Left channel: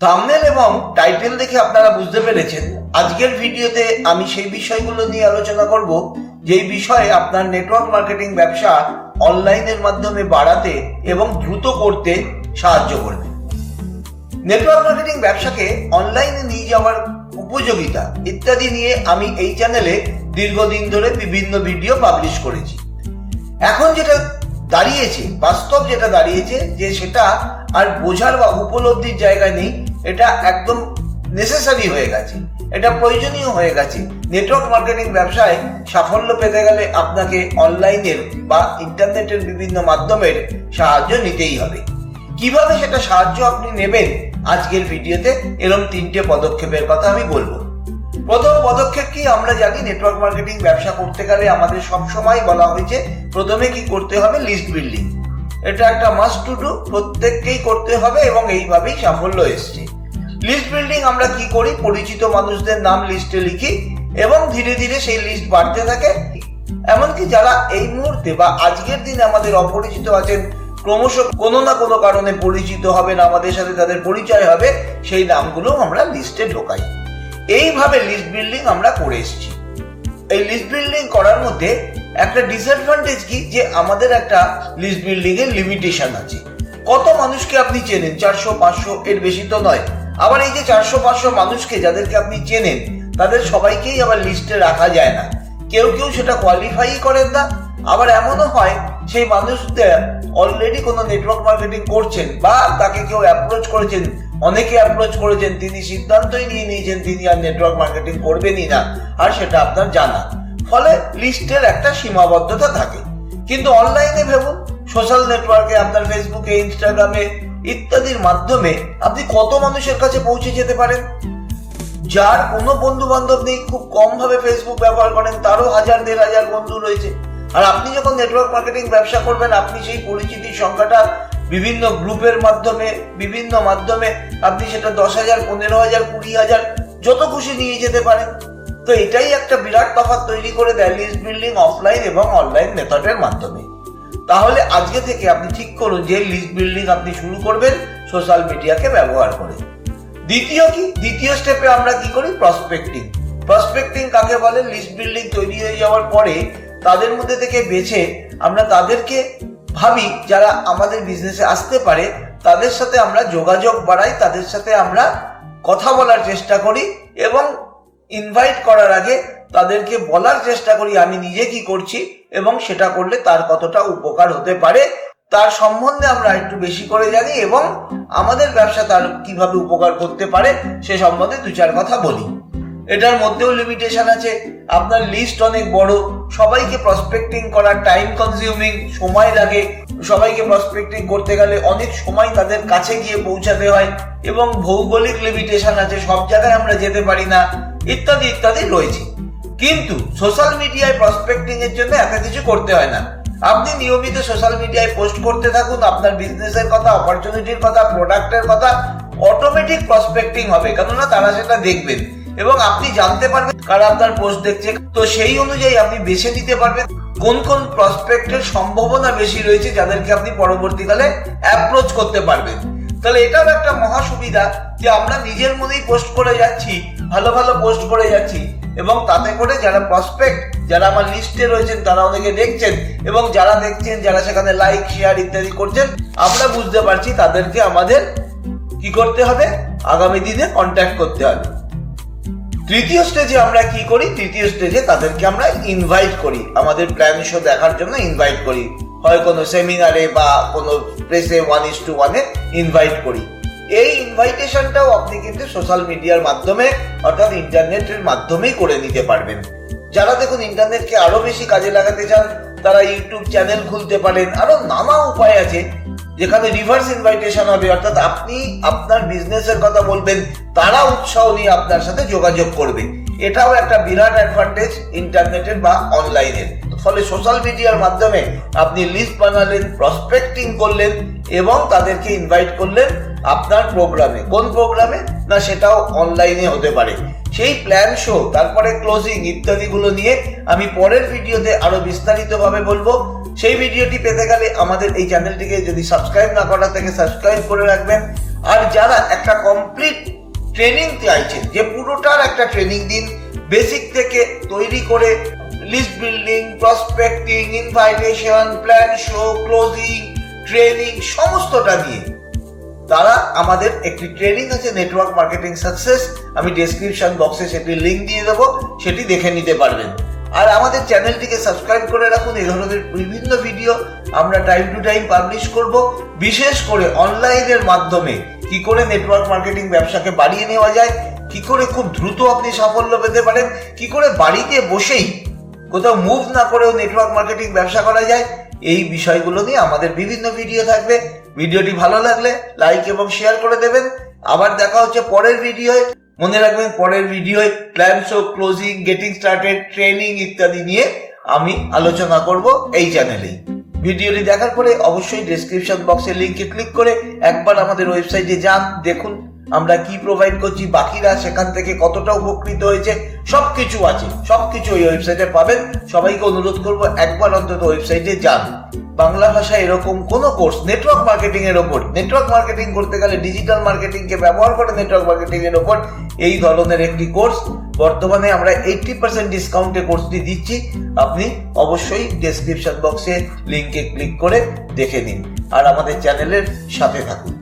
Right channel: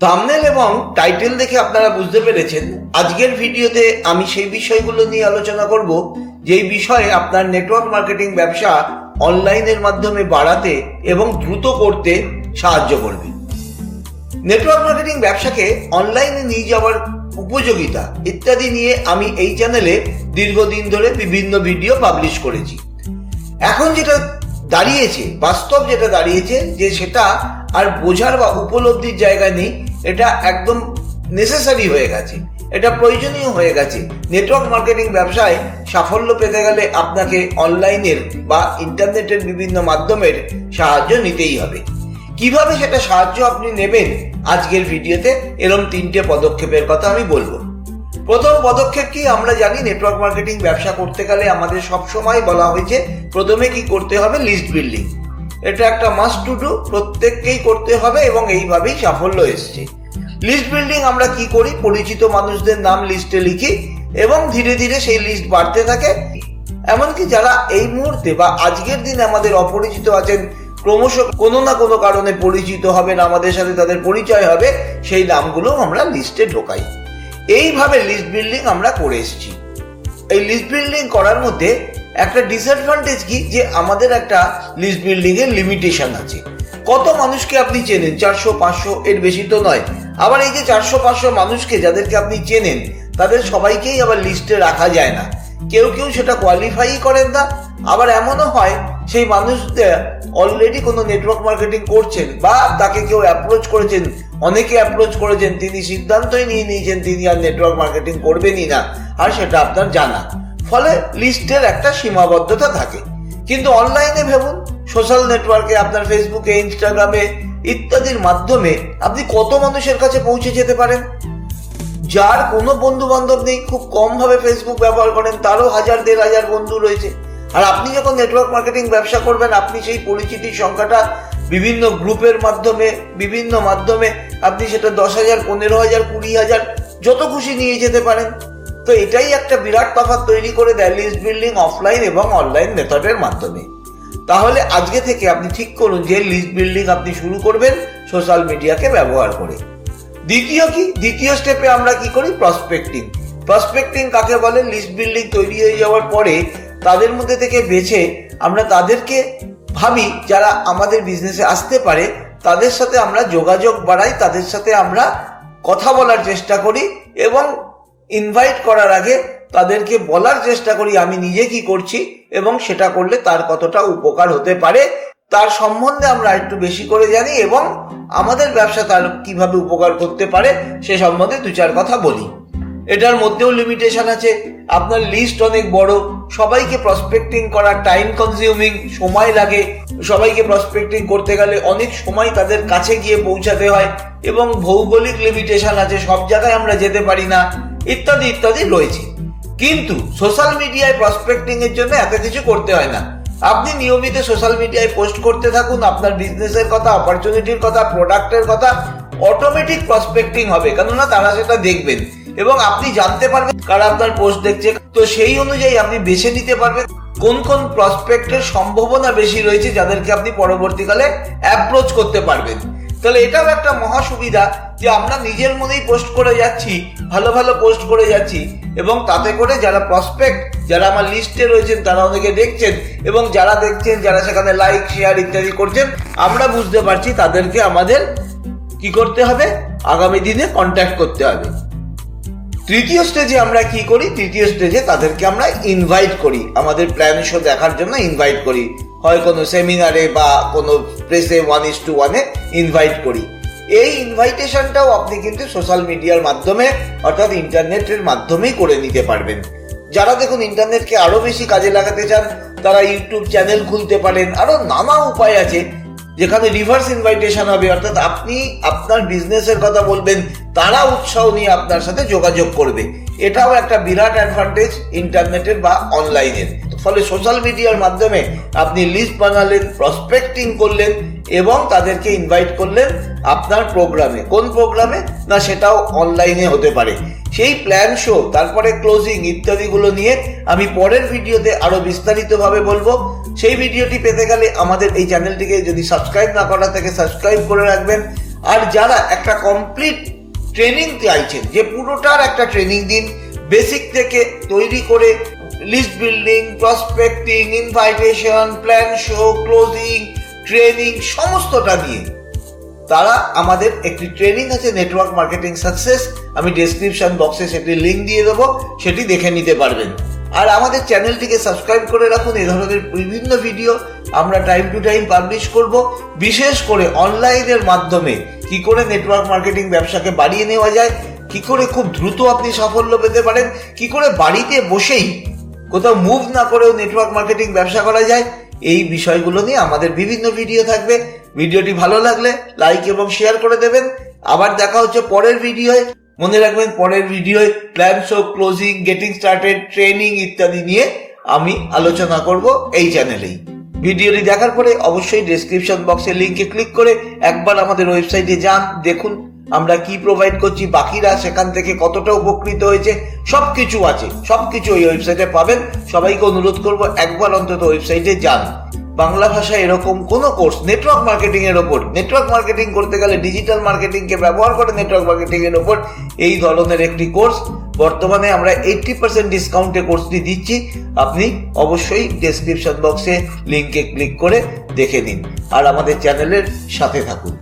Thumbnail এবং title দেখে আপনারা বুঝতে পেরেছেন আজকের ভিডিওতে আমি সেই বিষয়গুলো নিয়ে আলোচনা করব যেই বিষয়ে আপনার নেটওয়ার্ক মার্কেটিং ব্যবসা অনলাইনের মাধ্যমে বাড়াতে এবং দ্রুত করতে সাহায্য করবে। নেটওয়ার্ক মার্কেটিং ব্যবসাকে অনলাইনে নিয়ে যাওয়ার উপযোগিতা ইত্যাদি নিয়ে আমি এই চ্যানেলে দীর্ঘদিন ধরে বিভিন্ন ভিডিও পাবলিশ করেছি। এখন যেটা দাঁড়িয়েছে, বাস্তব যেটা দাঁড়িয়েছে যে সেটা আর বোঝার বা উপলব্ধির জায়গা নেই, এটা একদম নেসেসারি হয়ে গেছে, এটা প্রয়োজনীয় হয়ে গেছে। নেটওয়ার্ক মার্কেটিং ব্যবসায় সাফল্য পেতে গেলে আপনাকে অনলাইনের বা ইন্টারনেটের বিভিন্ন মাধ্যমের সাহায্য নিতেই হবে। কিভাবে সেটা সাহায্য আপনি নেবেন আজকের ভিডিওতে এরকম 3টে পদক্ষেপের কথা আমি বলবো। প্রথম পদক্ষেপ কি, আমরা জানি নেটওয়ার্ক মার্কেটিং ব্যবসা করতে গেলে আমাদের সবসময় বলা হয়েছে প্রথমে কি করতে হবে, লিস্ট বিল্ডিং। এটা একটা মাস্ট টু ডু, প্রত্যেককেই করতে হবে এবং এইভাবেই সাফল্য এসছে। লিস্ট বিল্ডিং আমরা কি করি, পরিচিত মানুষদের নাম লিস্টে লিখি এবং ধীরে ধীরে সেই লিস্ট বাড়তে থাকে। এমনকি যারা এই মুহূর্তে বা আজকের দিনে আমাদের অপরিচিত আছেন, ক্রমশ কোনো না কোনো কারণে পরিচিত হবেন, আমাদের সাথে তাদের পরিচয় হবে, সেই নামগুলো আমরা লিস্টে ঢোকাই। এইভাবে লিস্ট বিল্ডিং আমরা করে এসেছি। এই লিস্ট বিল্ডিং করার মধ্যে একটা ডিসঅ্যাডভান্টেজ কি, যে আমাদের একটা লিস্ট বিল্ডিং এর লিমিটেশন আছে। কত মানুষকে আপনি চেনেন, 400-500, এর বেশি তো নয়। আবার এই যে 400-500 মানুষকে যাদেরকে আপনি চেনেন, তাদের সবাইকেই আবার লিস্টে রাখা যায় না। কেউ কেউ সেটা কোয়ালিফাই করেন না। আবার এমনও হয় সেই মানুষদের অলরেডি কোনো নেটওয়ার্ক মার্কেটিং করছেন বা তাকে কেউ অ্যাপ্রোচ করেছেন, অনেকে অ্যাপ্রোচ করেছেন, তিনি সিদ্ধান্তই নিয়ে নিয়েছেন তিনি আর নেটওয়ার্ক মার্কেটিং করবেনই না, আর সেটা আপনার জানা। ফলে লিস্টের একটা সীমাবদ্ধতা থাকে। কিন্তু অনলাইনে ভেবুন, সোশ্যাল নেটওয়ার্কে, আপনার ফেসবুকে, ইনস্টাগ্রামে ইত্যাদির মাধ্যমে আপনি কত মানুষের কাছে পৌঁছে যেতে পারেন। যার কোনো বন্ধু বান্ধব নেই, খুব কম ভাবে ফেসবুক ব্যবহার করেন, তারও 1000-1500 বন্ধু রয়েছে। আর আপনি যখন নেটওয়ার্ক মার্কেটিং ব্যবসা করবেন, আপনি সেই পরিচিতির সংখ্যাটা বিভিন্ন গ্রুপের মাধ্যমে, বিভিন্ন মাধ্যমে আপনি সেটা 10,000, 15,000, 20,000 যত খুশি নিয়ে যেতে পারেন। তো এটাই একটা বিরাট তফাৎ তৈরি করে দেয় লিস্ট বিল্ডিং অফলাইন এবং অনলাইন মেথডের মাধ্যমে। তাহলে আজকে থেকে আপনি ঠিক করুন যে লিস্ট বিল্ডিং আপনি শুরু করবেন সোশ্যাল মিডিয়াকে ব্যবহার করে। দ্বিতীয় স্টেপে আমরা কি করি, প্রসপেক্টিং। প্রসপেক্টিং কাকে বলে, লিস্ট বিল্ডিং তৈরি হয়ে যাওয়ার পরে তাদের মধ্যে থেকে বেছে আমরা তাদেরকে ভাবি যারা আমাদের বিজনেসে আসতে পারে, তাদের সাথে আমরা যোগাযোগ বাড়াই, তাদের সাথে আমরা কথা বলার চেষ্টা করি এবং ইনভাইট করার আগে তাদেরকে বলার চেষ্টা করি আমি নিজে কি করছি এবং সেটা করলে তার কতটা উপকার হতে পারে তার সম্বন্ধে আমরা একটু বেশি করে জানি এবং আমাদের ব্যবসা তার কিভাবে উপকার করতে পারে সে সম্বন্ধে 2-4 কথা বলি। এটার মধ্যেও লিমিটেশন আছে। আপনার লিস্ট অনেক বড়, সবাইকে প্রসপেক্টিং করা টাইম কনজিউমিং, সময় লাগে। সবাইকে প্রসপেক্টিং করতে গেলে অনেক সময় তাদের কাছে গিয়ে পৌঁছাতে হয় এবং ভৌগোলিক লিমিটেশন আছে, সব জায়গায় আমরা যেতে পারি না, ইত্যাদি ইত্যাদি রয়েছে। কিন্তু সোশ্যাল মিডিয়ায় প্রসপেক্টিং এর জন্য এত কিছু করতে হয় না। আপনি নিয়মিত সোশ্যাল মিডিয়ায় পোস্ট করতে থাকুন আপনার বিজনেসের কথা, অপরচুনিটির কথা, প্রোডাক্টের কথা, অটোমেটিক প্রসপেক্টিং হবে, কেননা তারা সেটা দেখবেন এবং আপনি জানতে পারবেন কারা আপনার পোস্ট দেখছে। তো সেই অনুযায়ী আপনি বেছে নিতে পারবেন কোন কোন প্রসপেক্টের সম্ভাবনা বেশি রয়েছে, যাদেরকে আপনি পরবর্তীকালে অ্যাপ্রোচ করতে পারবেন। তাহলে এটাও একটা মহা সুবিধা যে আমরা নিজের মনেই পোস্ট করে যাচ্ছি, ভালো ভালো পোস্ট করে যাচ্ছি এবং তাতে করে যারা প্রসপেক্ট, যারা আমার লিস্টে রয়েছেন তারা অনেকে দেখছেন এবং যারা দেখছেন, যারা সেখানে লাইক, শেয়ার ইত্যাদি করছেন, আমরা বুঝতে পারছি তাদেরকে আমাদের কি করতে হবে, আগামী দিনে কন্ট্যাক্ট করতে হবে। তৃতীয় স্টেজে আমরা কি করি, তৃতীয় স্টেজে তাদেরকে আমরা ইনভাইট করি, আমাদের প্ল্যান শো দেখার জন্য ইনভাইট করি, হয় কোনো সেমিনারে বা কোনো প্রেসে 1:1 ইনভাইট করি। এই ইনভাইটেশনটাও আপনি কিন্তু সোশ্যাল মিডিয়ার মাধ্যমে অর্থাৎ ইন্টারনেটের মাধ্যমেই করে নিতে পারবেন। যারা দেখুন ইন্টারনেটকে আরো বেশি কাজে লাগাতে চান, তারা ইউটিউব চ্যানেল খুলতে পারেন, আরো নানা উপায় আছে যেখানে রিভার্স ইনভাইটেশন হবে, অর্থাৎ আপনি আপনার বিজনেসের কথা বলবেন, তারা উৎসাহ নিয়ে আপনার সাথে যোগাযোগ করবে। এটাও একটা বিরাট অ্যাডভান্টেজ ইন্টারনেটের বা অনলাইনের। ফলে সোশ্যাল মিডিয়ার মাধ্যমে আপনি লিস্ট বানালেন, প্রসপেক্টিং করলেন এবং তাদেরকে ইনভাইট করলেন আপনার প্রোগ্রামে। কোন প্রোগ্রামে না, সেটাও অনলাইনে হতে পারে। সেই প্ল্যান শো, তারপরে ক্লোজিং ইত্যাদিগুলো নিয়ে আমি পরের ভিডিওতে আরো বিস্তারিতভাবে বলবো। সেই ভিডিওটি পেতে গেলে আমাদের এই চ্যানেলটিকে যদি সাবস্ক্রাইব না করা থাকে সাবস্ক্রাইব করে রাখবেন। আর যারা একটা কমপ্লিট ট্রেনিং চাইছেন, যে পুরোটার একটা ট্রেনিং দিন, বেসিক থেকে তৈরি করে list building, prospecting, invitation, plan show, closing, training সমস্তটা নিয়ে, তারা আমাদের একটি ট্রেনিং আছে নেটওয়ার্ক মার্কেটিং সাকসেস। আমি ডেসক্রিপশন বক্সে সেটি লিঙ্ক দিয়ে দেবো, সেটি দেখে নিতে পারবেন। আর আমাদের চ্যানেলটিকে সাবস্ক্রাইব করে রাখুন। এই ধরনের বিভিন্ন ভিডিও আমরা টাইম টু টাইম পাবলিশ করব। বিশেষ করে অনলাইনের মাধ্যমে কি করে নেটওয়ার্ক মার্কেটিং ব্যবসাকে বাড়িয়ে নেওয়া যায়, কি করে খুব দ্রুত আপনি সাফল্য পেতে পারেন, কি করে বাড়িতে বসেই কোথাও মুভ না করেও নেটওয়ার্ক মার্কেটিং ব্যবসা করা যায়, এই বিষয়গুলো নিয়ে আমাদের বিভিন্ন ভিডিও থাকবে। ভিডিওটি ভালো লাগলে লাইক এবং শেয়ার করে দেবেন। আবার দেখা হচ্ছে পরের ভিডিওয়। মনে রাখবেন, পরের ভিডিওয় plan show, closing, getting started, training ইত্যাদি নিয়ে আমি আলোচনা করব এই চ্যানেলেই। ভিডিওটি দেখার পরে অবশ্যই ডেসক্রিপশন বক্সের লিঙ্কে ক্লিক করে একবার আমাদের ওয়েবসাইটে যান, দেখুন আমরা কি প্রোভাইড করছি, বাকিরা সেখান থেকে কতটা উপকৃত হয়েছে, সবকিছু আছে, সবকিছু ওই ওয়েবসাইটে পাবেন। সবাইকে অনুরোধ করব একবার অন্তত ওয়েবসাইটে যান। বাংলা ভাষায় এরকম কোনো কোর্স নেটওয়ার্ক মার্কেটিং এর ওপর, নেটওয়ার্ক মার্কেটিং করতে গেলে ডিজিটাল মার্কেটিংকে ব্যবহার করে নেটওয়ার্ক মার্কেটিং এর ওপর এই ধরনের একটি কোর্স বর্তমানে আমরা 80% ডিসকাউন্টে কোর্সটি দিচ্ছি। আপনি অবশ্যই ডেসক্রিপশন বক্সে লিঙ্কে ক্লিক করে দেখে নিন আর আমাদের চ্যানেলের সাথে থাকুন।